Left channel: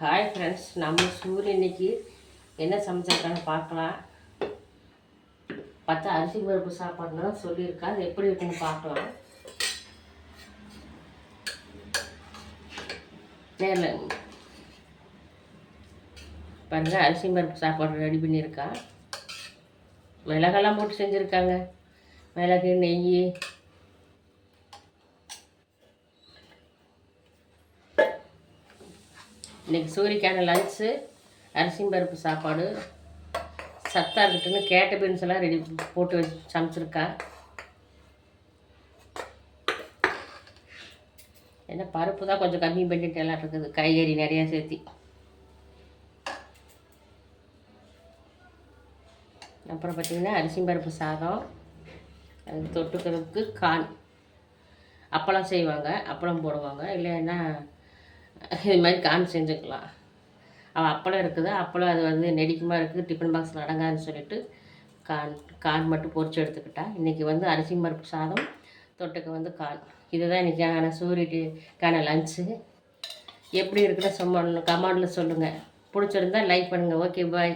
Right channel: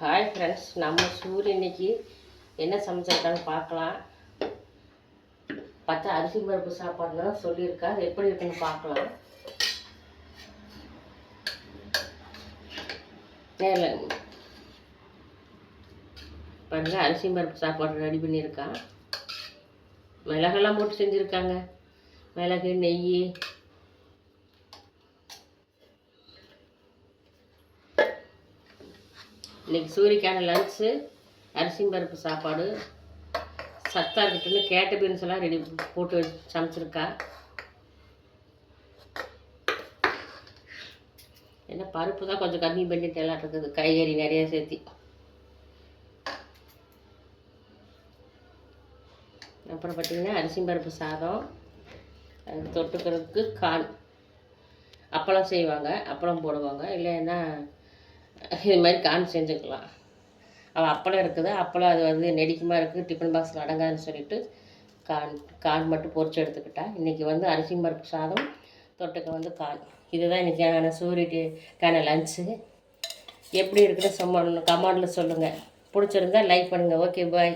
Hi friends, நம்ம சூரிய இன்னைக்கு என்ன சமைச்சிருக்கான்னு பார்க்கலாம். பார்த்தா அரிசி பருப்பு சாப்பாடு தான் சொல்லியிருக்கா. அது எப்படி இருக்குன்னு பார்க்கலாம். பாருங்க, அரிசி பருப்பு சாப்பாடு ரெடி பண்ணியிருக்கா. மிளகெல்லாம் போட்டு செஞ்சுருக்காங்க. மிளகு, நெய், இன்றைக்கி சூரியக்கான லன்ச்சு அரிசி பருப்பு சாப்பாடு. சத்தாக இருக்கட்டுன்னு கேட்ட பீன்ஸ் எல்லாம் ரெடி போட்டு சமைச்சிருக்கா. ஏன்னா பருப்பு தான் கொஞ்சம் கம்மி பண்ணிட்டு எல்லாம் இருக்குது, காய்கறி நிறையா சேர்த்தி. அப்புறம் பார்த்திங்கன்னா அரிசி பருப்பு சாதம், அதுக்கு தொட்டுக்கிறதுக்கு கான் அப்பளம் செய்வாங்க, அப்பளம் போடுவாங்க. இல்லைன்னா இது மாதிரி கான் செஞ்சுக்கலாம். அவள் அப்பளம் இருக்குது, அப்பளம் அது வந்து நெடிக்குமா இருக்குது, டிஃபன் பாக்ஸில் அடங்காதுன்னு சொல்லிட்டு கான் மட்டும் பொரிச்சு எடுத்துக்கிட்டா. இன்றைக்கி வந்து அரிசி பருப்பு சாதம், தொட்டுக்க வந்து கான். இதுதான் இன்றைக்கான சூரியக்கான லன்ச்சு. எப்படி இருக்குன்னு கமெண்டில் சொல்லுங்கள். பிடிச்சிருந்தா லைக் பண்ணுங்கள். ஓகே, பாய்.